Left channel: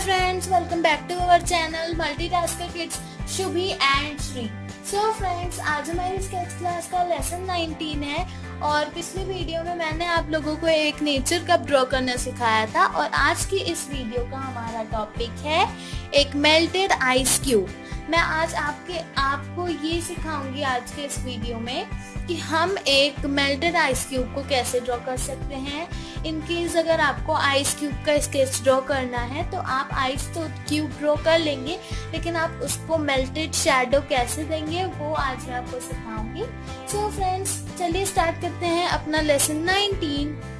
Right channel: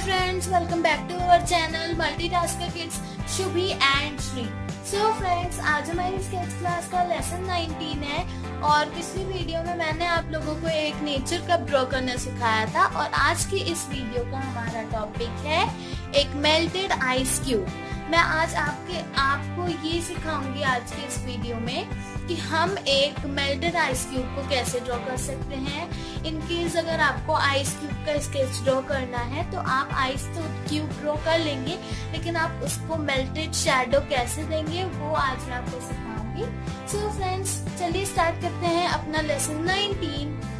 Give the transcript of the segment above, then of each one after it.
friends, welcome back to our channel Multitasker Kids Shubhi and Shri. So friends, आज हमारी sketch class का lesson 19 है और पिछली वीडियो में मैंने आप लोगों को एक नेचर कप ड्रॉ करना सिखाया था और आज की इस वीडियो का हमारा टॉपिक है एक मेल्टेड आइस क्यूब। मैं आज आपको ये सिखाऊंगी आज के इस वीडियो में कि हम एक मेल्टेड आइस क्यूब को कैसे ड्रॉ कर सकते हैं। इन केस अगर आपको आइस क्यूब का स्केच ड्रॉ करना है तो आप आइस तो क्यूब ड्रॉ कर लेंगे, लेकिन आप उसको मेल्टेड शैडो कैसे देंगे वो आज मैं आपको सिखाऊंगी। सो फ्रेंड्स, चलिए स्टार्ट करते हैं अपना लेसन 19।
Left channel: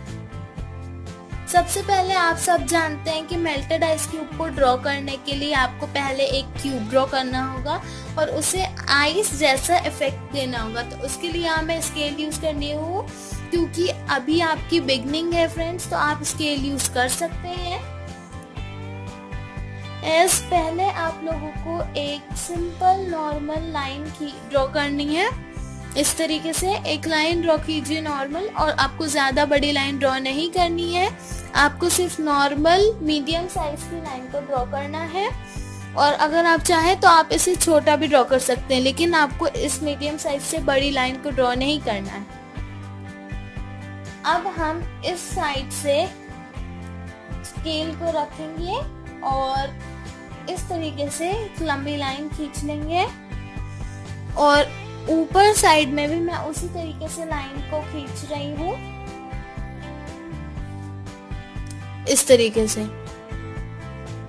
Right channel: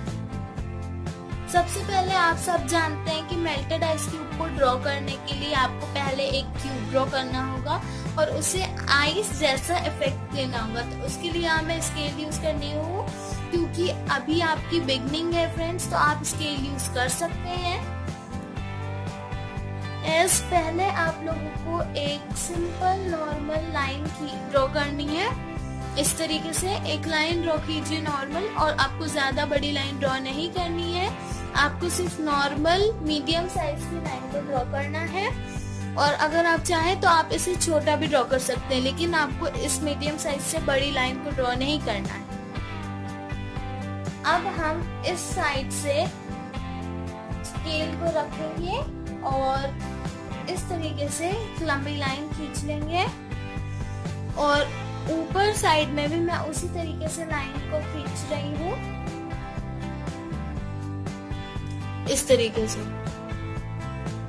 सबसे पहले आप सब जानते हैं कि मेल्टेड आइस क्यूब को ड्रॉ करने के लिए आपको पहले एक क्यूब ड्रॉ करना होगा और उसे आइस जैसा इफेक्ट देना होगा। तो उसके लिए हमें स्केल यूज करनी हो, क्योंकि अभी आपकी बिगनिंग है फ्रेंड्स, तो आप स्केल यूज कर सकते हैं। पहले आप लोगों को एक सिंपल नॉर्मल लाइन की ड्रॉ करनी है। इस तरीके से एक लाइन ड्रॉ कीजिए नॉर्मल, और आपको ज्यादा बड़ी लाइन ड्रॉ नहीं करनी है, आपको सिर्फ नॉर्मल मीडियम साइज की लाइन को ड्रॉ करना है। और अगर आप चाहें तो आप इसे छोटा भी ड्रॉ कर सकते हैं, लेकिन आपको इस मीडियम साइज से बड़ी लाइन को ड्रॉ नहीं करना है। अब हम इस साइड से स्केल को रखेंगे और इस तरीके से एक लंबी लाइन खींच लेंगे और ऊपर साइड में भी मैं उसी तरीके से लाइन को खींच रही हूँ, इस तरीके से।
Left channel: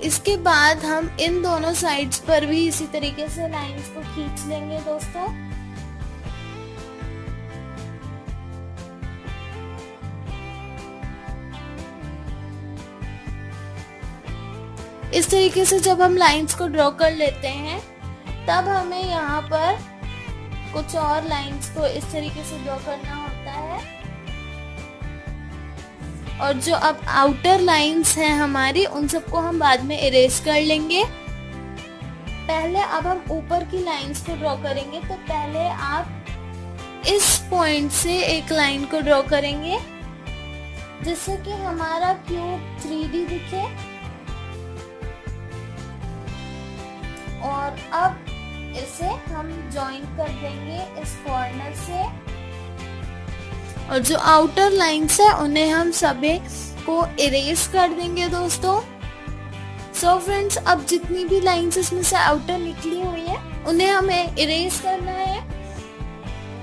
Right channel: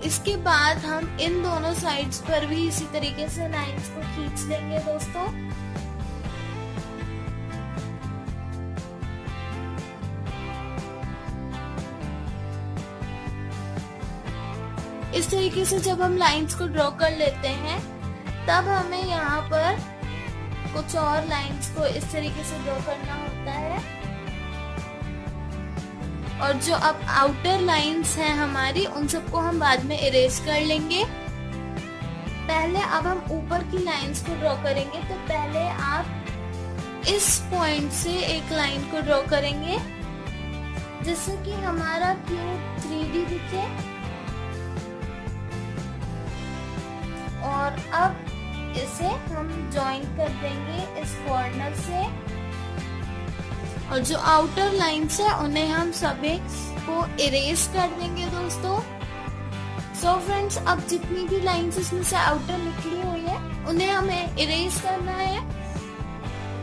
इसके बाद हम इन दोनों साइड्स पर भी इसी तरीके से लाइंस को खींच लेंगे दोस्तों। इस तरीके से जब हम लाइंस को ड्रॉ कर लेते हैं तब हमें यहाँ पर कुछ और लाइंस को इस तरीके से ड्रॉ करना होता है। और जो अब आउटर लाइंस हैं हमारी, उन सबको हम बाद में इरेज कर लेंगे। पहले अब हम ऊपर की लाइंस को ड्रॉ करेंगे, तो पहले आप इस पॉइंट से एक लाइन को ड्रॉ करेंगे जिससे कि हमारा क्यूब 3D दिखे। और अब इसे हम जॉइन कर देंगे इस कॉर्नर से, और जो आउटर लाइंस है उन्हें हम सभी को इरेज कर देंगे दोस्तों। सो फ्रेंड्स, अब जितनी भी लाइंस इसमें से आउटर निकली हुई है उन्हें हमें इरेज करना है।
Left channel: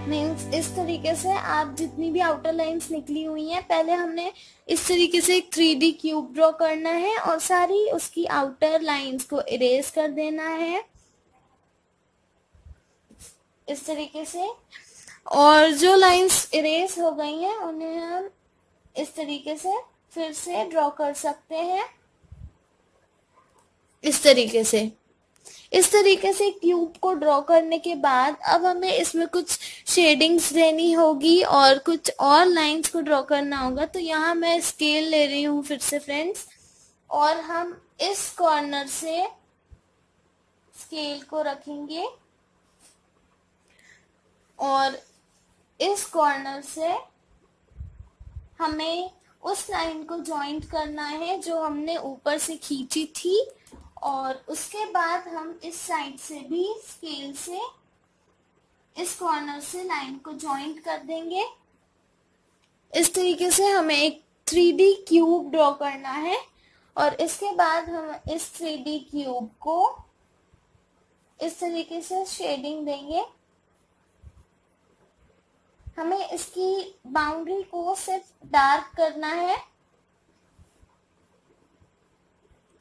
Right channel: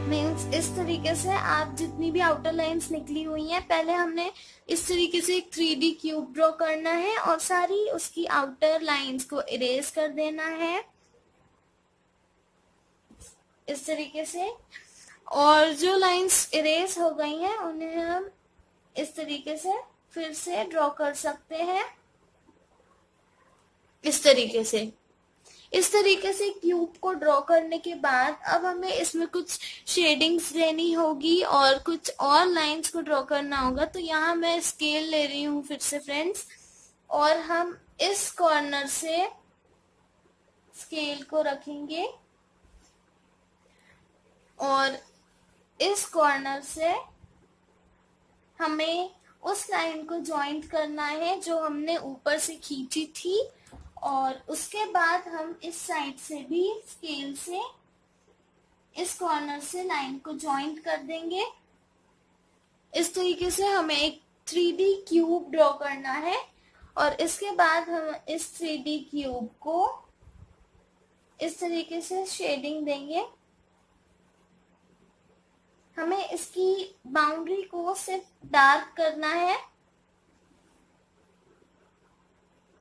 मीन्स इस तरीके से आप जितनी भी आउटर लाइंस निकली हुई हैं, पहले हमने इस तरीके से एक 3D क्यूब ड्रॉ करना है और सारी उसकी आउटर लाइंस को इरेज कर देना है इस तरीके से। और जो लाइंस इरेज हो गई हैं उन्हें हम इस तरीके से फिर से ड्रॉ कर सकते हैं, इस तरीके से। इस तरीके से क्यूब को ड्रॉ करने के बाद अब हमें इसमें कुछ शेडिंग्स देनी होगी और कुछ और लाइंस को ड्रॉ करना होगा। तो यहाँ मैं स्केल ले रही हूँ फिर से फ्रेंड्स, और हम इस कॉर्नर से स्केल को रखेंगे और इस कॉर्नर से हमें उस लाइन को जॉइंट करना है जो हमने ऊपर से खींची थी। और उसके बाद हम इस साइड से भी स्केल से इस कॉर्नर से लाइन को जॉइंट कर देंगे। इस तरीके से हमें एक 3D क्यूब ड्रॉ करना है और इसके बाद हम इस 3D क्यूब को इस तरीके से शेडिंग देंगे। हमें इसकी बाउंड्री को सिर्फ डार्क करना है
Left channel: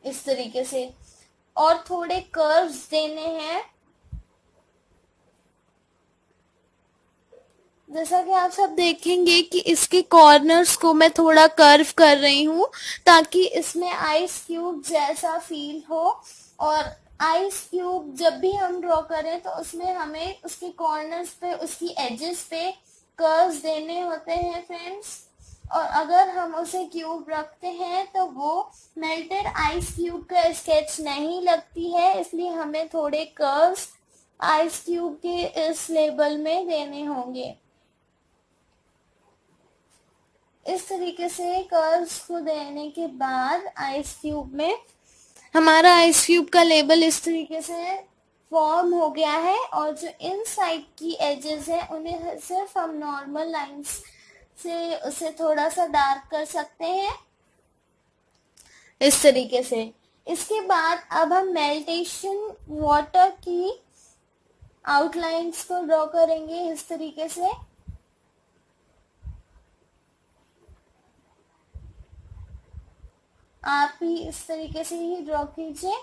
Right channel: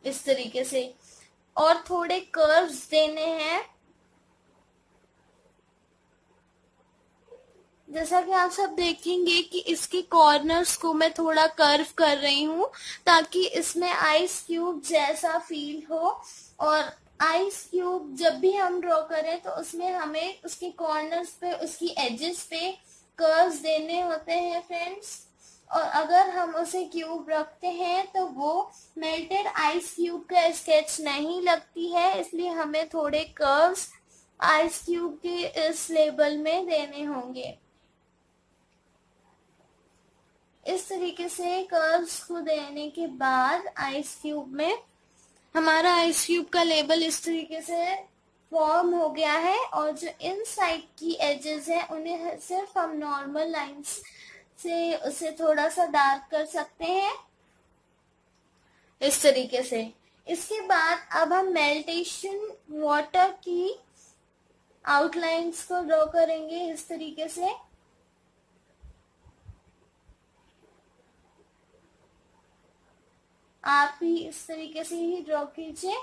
इस तरीके से, और थोड़े कर्व्स देने हैं। जैसा कि आप सब देखेंगे कि इसके कॉर्नर्स को मैं थोड़ा कर्व कर रही हूँ ताकि इसमें आइस क्यूब जैसा फील हो। और आइस क्यूब जब भी हम ड्रॉ करें तो उसमें हमें उसके कॉर्नर्स पे, उसकी एजेस पे कर्व्स देने होते हैं फ्रेंड्स। और अगर हम उसे क्यूब रखते हैं तो वो मेल्टेड आइस क्यूब का स्केच नहीं लगती है, इसलिए हमें थोड़े कर्व्स आइस क्यूब के इस लेबल में देने होंगे। इस तरीके से कर्व्स को देने के बाद आइस क्यूब में हमारा आइस क्यूब का लेबल इस तरीके से फॉर्म हो गया है और जो इन साइड की एजेस है उन्हें सिर्फ हम नॉर्मल लाइंस से उसे थोड़ा सा डार्क कर सकते हैं इस तरीके से। इसके बाद अब हम मेल्टेशन वाटर की आउटलाइंस को ड्रॉ करेंगे इस तरीके से। आप भी इस तरीके से ही ड्रॉ कीजिए।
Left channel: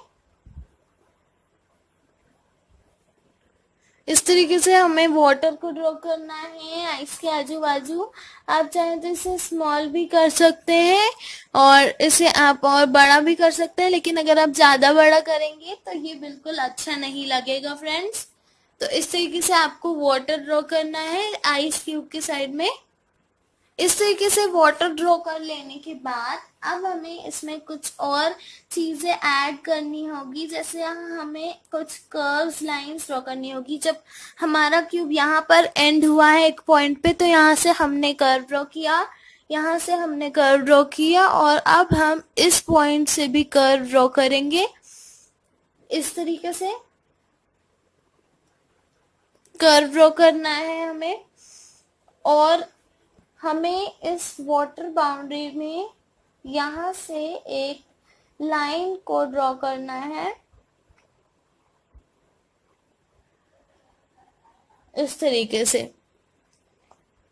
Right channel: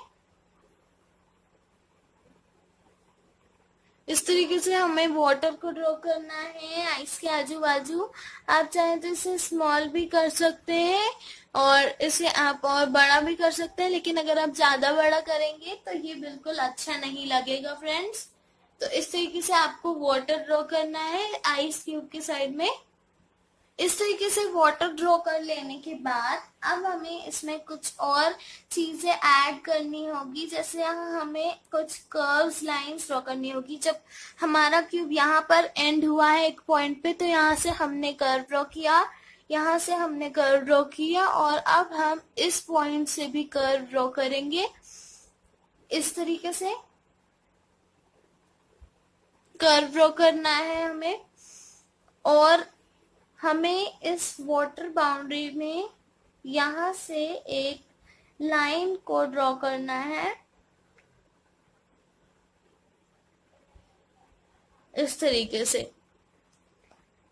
इस तरीके से हमें वाटर को ड्रॉ करना है आइस के आजू बाजू। आप चाहें तो इसे स्मॉल भी कर सकते हैं और इसे आप और बड़ा भी कर सकते हैं, लेकिन अगर आप ज्यादा बड़ा करेंगे तो ये बिल्कुल अच्छा नहीं लगेगा फ्रेंड्स। तो इस तरीके से आपको वाटर ड्रॉ करना है आइस क्यूब के साइड में। इस तरीके से वाटर ड्रॉ कर लेने के बाद अब हमें इसमें कुछ और चीजें ऐड करनी होगी, जैसे हमें कुछ कर्व्स लाइंस ड्रॉ करनी होगी। जब हमारा क्यूब यहाँ पर एंड हुआ है एक पॉइंट पे, तो यहाँ से हमने कर्व ड्रॉ किया, यहाँ से हमने कर्व ड्रॉ किया और अब हम इस पॉइंट से भी कर्व ड्रॉ करेंगे। इस तरीके से कर्व ड्रॉ करना है हमें और हमें इस वाटर बाउंड्री में यहाँ से एक लाइन को ड्रॉ करना है इस तरीके से।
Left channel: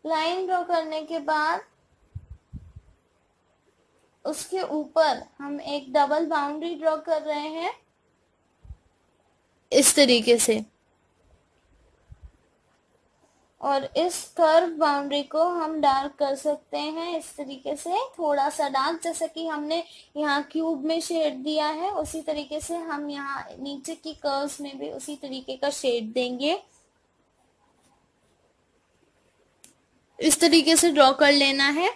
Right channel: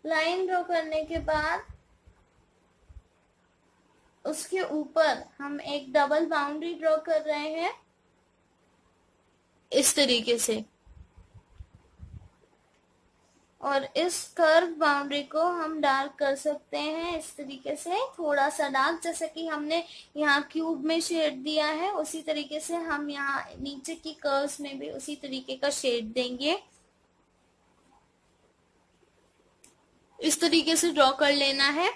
लाइन ड्रॉ करने के बाद उसके ऊपर हम एक डबल बाउंड्री ड्रॉ कर रहे हैं इस तरीके से और इस कर्व बाउंड्री को हम डार्क कर सकते हैं इस तरीके से, थोड़ा सा डार्क, जैसे कि हमने यहाँ क्यूब में शेड दिया है उसी तरीके से हम यहाँ नीचे की कर्व्स में भी उसी तरीके का शेड देंगे। इस तरीके से ड्रॉ कर लेना है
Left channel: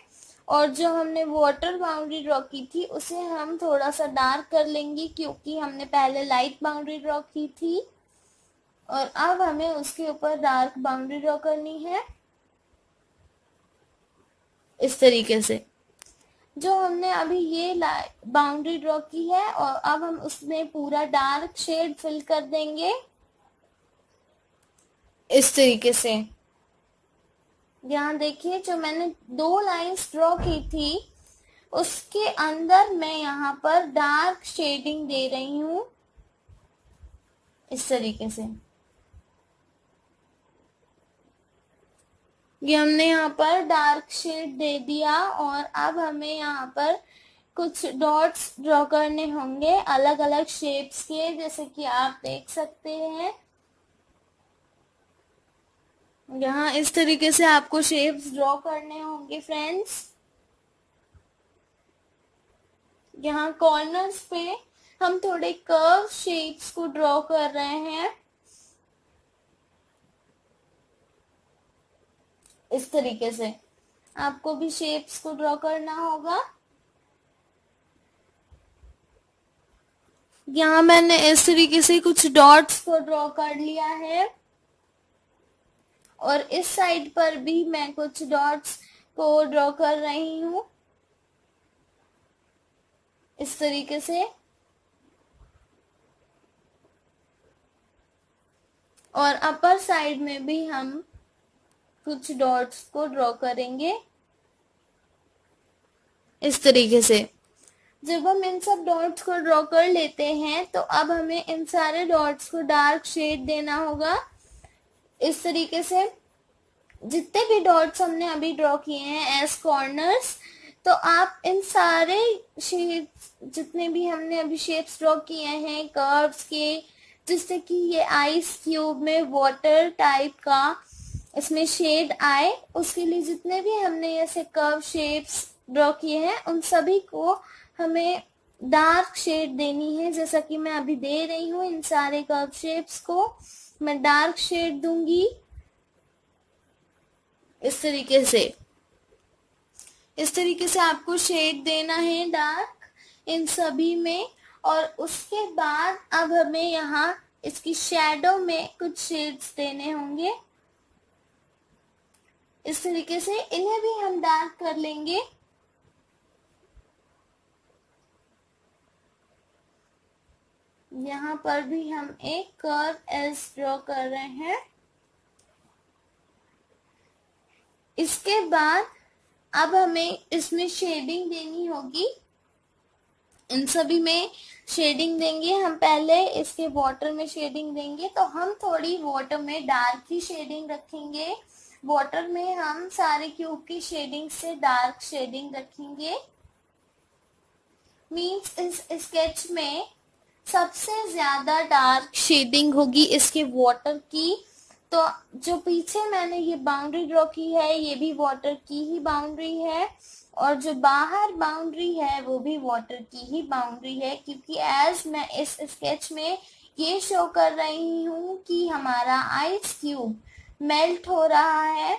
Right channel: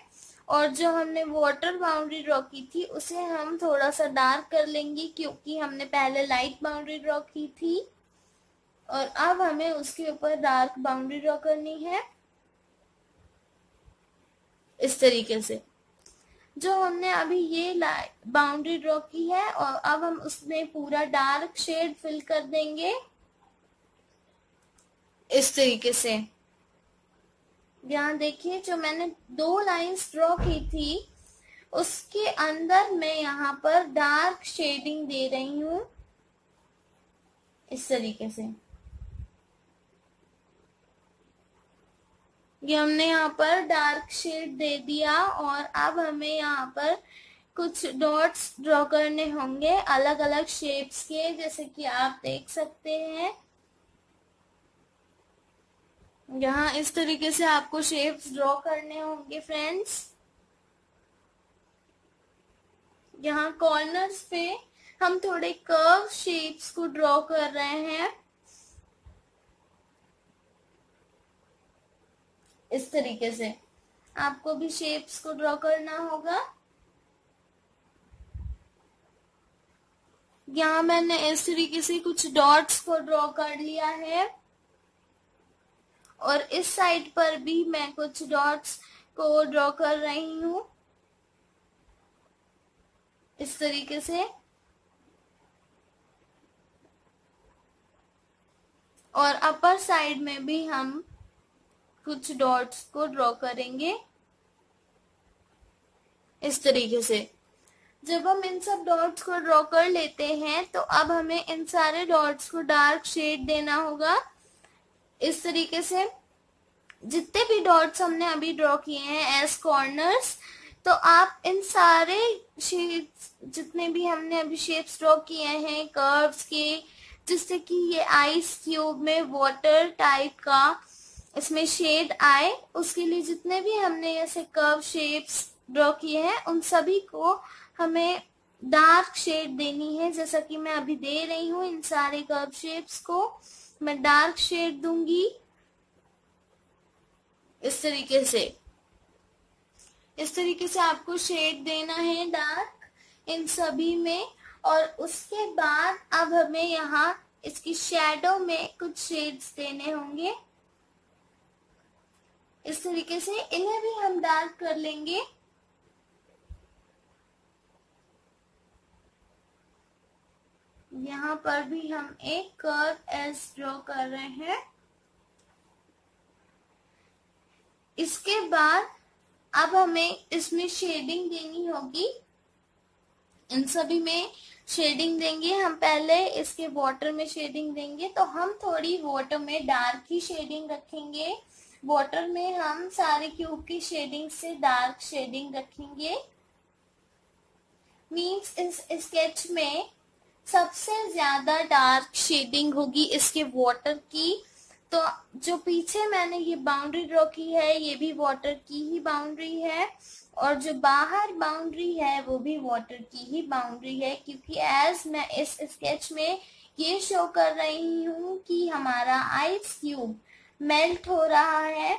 और जो हमने वाटर बाउंड्री ड्रॉ की थी उसे हम थोड़ा सा डार्क कर लेंगे, क्योंकि हमने पहले लाइट बाउंड्री ड्रॉ की थी और अब हमें उसके ऊपर डार्क बाउंड्री ड्रॉ करनी है इस तरीके से। जो हमने अभी ये बाउंड्री ड्रॉ की है और अब हम उसमें पूरा डार्क शेड फिल कर देंगे इस तरीके से। यहाँ देखिए, जो मैंने 2 लाइंस ड्रॉ की थी उसके अंदर मैं यहाँ पर डार्क शेडिंग दे रही हूं इस तरीके से। ये हमने यहाँ पर डार्क शेड दे दिया और अब हमें यहाँ पर कुछ डॉट्स ड्रॉ करने होंगे अलग अलग शेप्स के, जैसे कि आप देख सकते हैं। यहाँ इस तरीके से आपको शेप्स ड्रॉ करने होंगे फ्रेंड्स। यहाँ कॉर्नर्स पे हम थोड़े कर्व शेप्स को ड्रॉ कर रहे हैं इस तरीके से। आपको भी शेप्स को ड्रॉ करना होगा। यहाँ मैंने इस तरीके से कुछ डॉट्स को ड्रॉ कर लिया है और इस साइड पर भी मैं कुछ डॉट्स को ड्रॉ कर रही हूँ इस तरीके से। और अपर साइड में भी हम कुछ डॉट्स को ड्रॉ करेंगे इस तरीके से। जब हम इन सब डॉट्स को ड्रॉ कर लेते हैं तो अब हमें इन सारे डॉट्स को डार्क शेड देना होगा इस तरीके से। जितने भी डॉट्स हमने अभी ड्रॉ किए हैं एज कॉर्नर्स, तो आप इन सारे शेड्स, जितने भी हमने अभी शेड्स ड्रॉ किए हैं कर्व्स के, जिससे कि ये आइस क्यूब में वाटर टाइप का इसमें शेड आए, उसके लिए जितने भी हमने ऐसे कर्व शेप्स ड्रॉ किए हैं उन सभी को हमें डार्क शेड देनी है, जैसा कि मैं अभी दे रही हूँ। इन सारे कर्व शेप्स को मैं डार्क शेड दूंगी इस तरीके से। इस तरीके से आपको शेड देना है डार्क इन सभी में। और उसके बाद अब हमें यहाँ इसकी शैडो में कुछ शेड्स देने होंगे इस तरीके से। इन्हें भी हम डार्क कर लेंगे। यहाँ पर भी हम एक कर्व एज ड्रॉ कर रहे हैं। इसके बाद अब हमें इसमें शेडिंग देनी होगी, इन सभी में शेडिंग देंगे हम। पहले इसके वाटर में शेडिंग देंगे, तो हम थोड़ी वाटर में डार्क की शेडिंग रखेंगे। वाटर में हम सारे क्यूब की शेडिंग से डार्क शेडिंग रखेंगे। मीन्स इस स्केच में सबसे ज्यादा डार्क शेडिंग होगी इसके वाटर की। तो जो पीछे मैंने ये बाउंड्री ड्रॉ की है, ये भी वाटर की ही बाउंड्री है, और जो बाहर बाउंड्री है वो भी वाटर की ही बाउंड्री है, क्योंकि एज मैं इस स्केच में ये शो कर रही हूँ कि हमारा आइस क्यूब मेल्ट हो रहा है।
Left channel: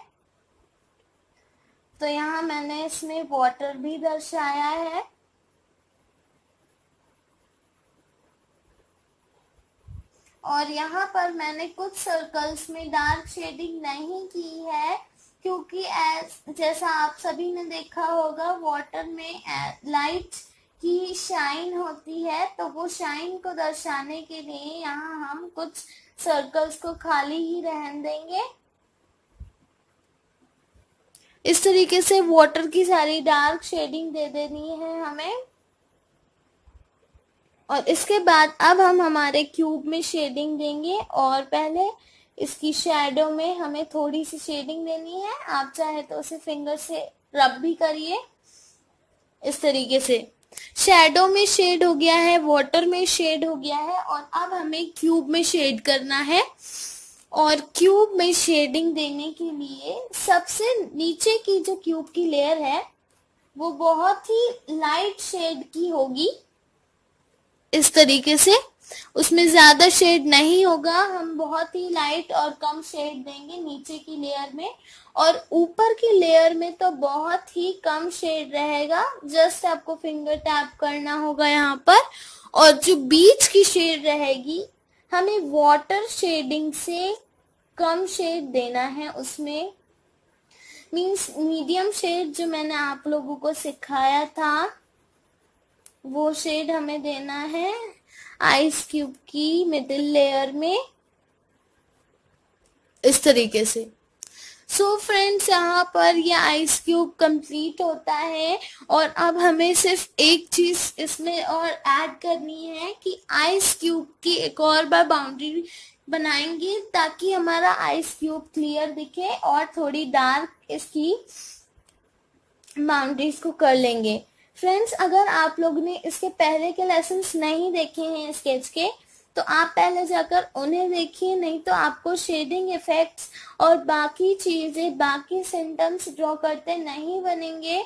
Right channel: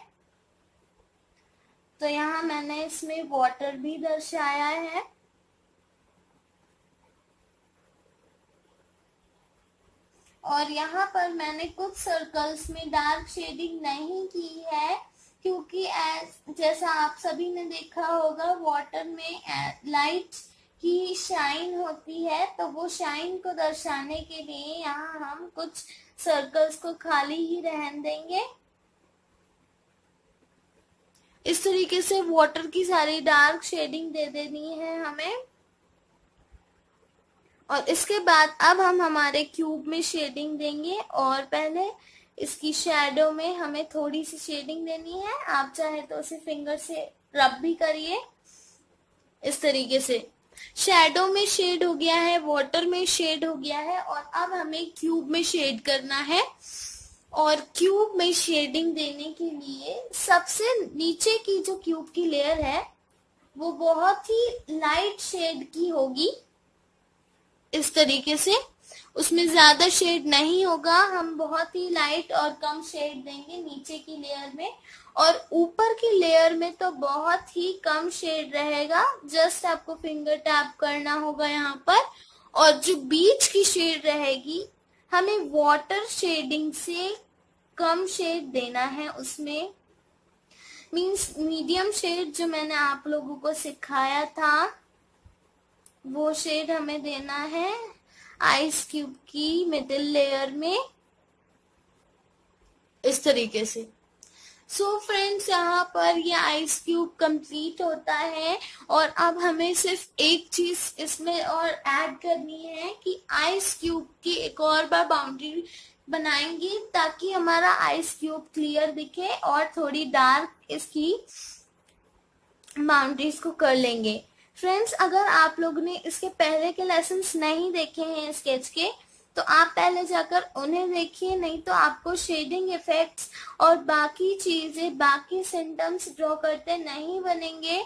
तो यहाँ मैंने इसमें वाटर भी दर्शाया है। और यहाँ पर मैंने कुछ सर्कल्स में डार्क शेडिंग नहीं की है, क्योंकि जैसा आप सभी ने देखा होगा वाटर में लाइट की शाइन होती है, तो वो शाइन को दर्शाने के लिए यहाँ हम कुछ सर्कल्स को खाली ही रहने देंगे। इस तरीके से वाटर की सारी डार्क शेडिंग दे देनी है हमें। और इसके बाद अब हम हमारे क्यूब में शेडिंग देंगे, और पहले इसकी शैडो में हमें थोड़ी सी शेडिंग देनी है। आप चाहे तो उसे फिंगर से रब भी करिए। इस तरीके से शैडो में शेड हो गया है, वाटर में शेड हो गया है, और अब हमें क्यूब में शेड करना है। और क्यूब में शेडिंग देने के लिए सबसे नीचे की जो क्यूब की लेयर है वो बहुत ही लाइट शेड की होगी। इस तरीके से उसमें ज्यादा शेड नहीं होगा, हम बहुत ही लाइट और कम शेड देंगे नीचे की लेयर में, और ऊपर की लेयर में तो बहुत ही कम शेड रहेगा। जस्ट आपको फिंगर टैप करना होगा यहाँ पर। और जो बीच की शेड रहेगी हमें वाटर शेडिंग से कम शेड देना है उसमें। मीन्स मीडियम शेड जो मैंने आप लोगों को सिखाया था वो शेड हमें देना है आइस क्यूब की मिडिल लेयर में, इस तरीके से। सो फ्रेंड्स, यहाँ पर ये आइस क्यूब कंप्लीट होता है। और अब हमें सिर्फ एक चीज इसमें और ऐड करनी है कि आइस क्यूब की एक और बार बाउंड्री बनाएंगे, ताकि हमारा आइस क्यूब क्लियर दिखे, और थोड़ी डार्क इसकी बाउंड्रीज को कर लेंगे। फ्रेंड्स, अगर आप लोग ने इसके पहले के लेसन्स नहीं देखे हैं स्केच के, तो आप पहले जाकर उन्हें देखिए, नहीं तो आपको शेडिंग इफेक्ट्स और बाकी चीजें, बाकी सिम्टम्स ड्रॉ करते नहीं बनेंगे।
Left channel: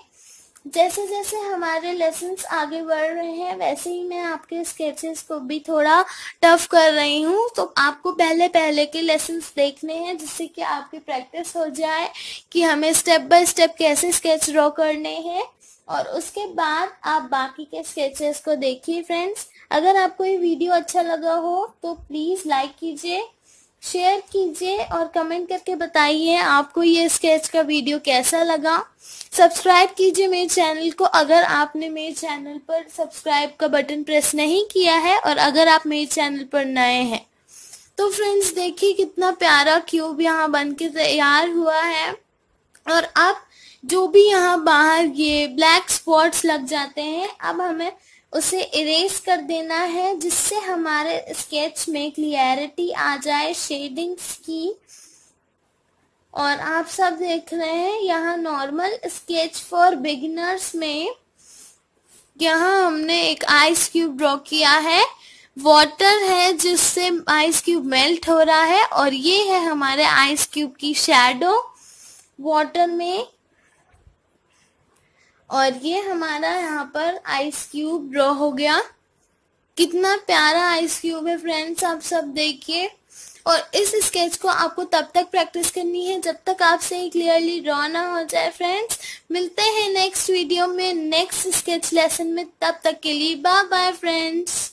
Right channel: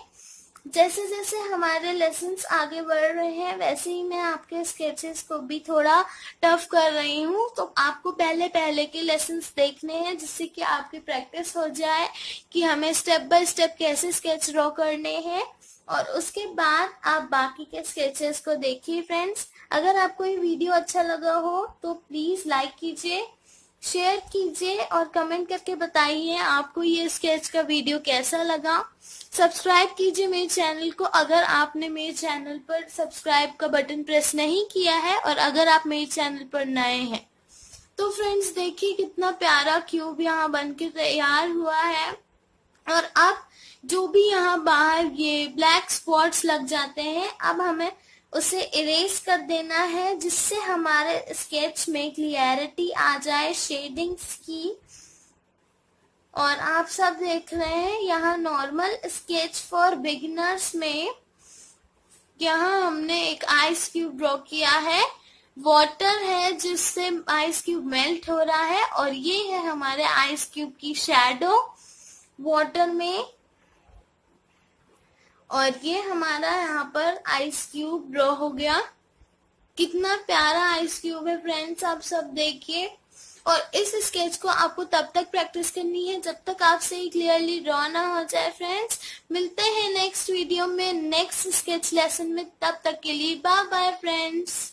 जैसे जैसे हमारे लेसन्स आगे बढ़ रहे हैं वैसे ही मैं आपके स्केचेस को भी थोड़ा टफ कर रही हूँ। तो आपको पहले पहले के लेसन्स देखने हैं, जिससे कि आपकी प्रैक्टिस हो जाए कि हमें स्टेप बाय स्टेप कैसे स्केच ड्रॉ करने हैं, और उसके बाद आप बाकी के स्केचेस को देखिए। फ्रेंड्स, अगर आपको ये वीडियो अच्छा लगा हो तो प्लीज लाइक कीजिए, शेयर कीजिए, और कमेंट करके बताइए आपको ये स्केच का वीडियो कैसा लगा। सब्सक्राइब कीजिए मेरे चैनल को अगर आपने मेरे चैनल पर सब्सक्राइब का बटन प्रेस नहीं किया है, और अगर आप मेरे चैनल पर नए हैं। तो फ्रेंड्स, देखिए कितना प्यारा क्यूब यहाँ बनके तैयार हुआ है। और अब जो भी यहाँ बाहर ये ब्लैक स्पॉट्स लग जाते हैं, अब हमें उसे इरेज कर देना है, जिससे हमारे स्केच में क्लियरिटी आ जाए शेडिंग्स की। और आप सब देख रहे हैं यहाँ नॉर्मल स्केच फॉर बिगिनर्स में यहाँ हमने एक आइस क्यूब ड्रॉ किया है, वाटर है जिससे आइस क्यूब मेल्ट हो रहा है, और ये है हमारे आइस क्यूब की शैडो वाटर में, और ये हमारा यहाँ पर आइस क्यूब ड्रॉ हो गया। कितना प्यारा आइस क्यूब है फ्रेंड्स, आप सब देखिए। और इस स्केच को आपको तब तक प्रैक्टिस करनी है जब तक आपसे ये क्लियरली ड्रॉ ना हो जाए। फ्रेंड्स, मिलते हैं नेक्स्ट वीडियो में नेक्स्ट स्केच लेसन में, तब तक के लिए बाय बाय फ्रेंड्स।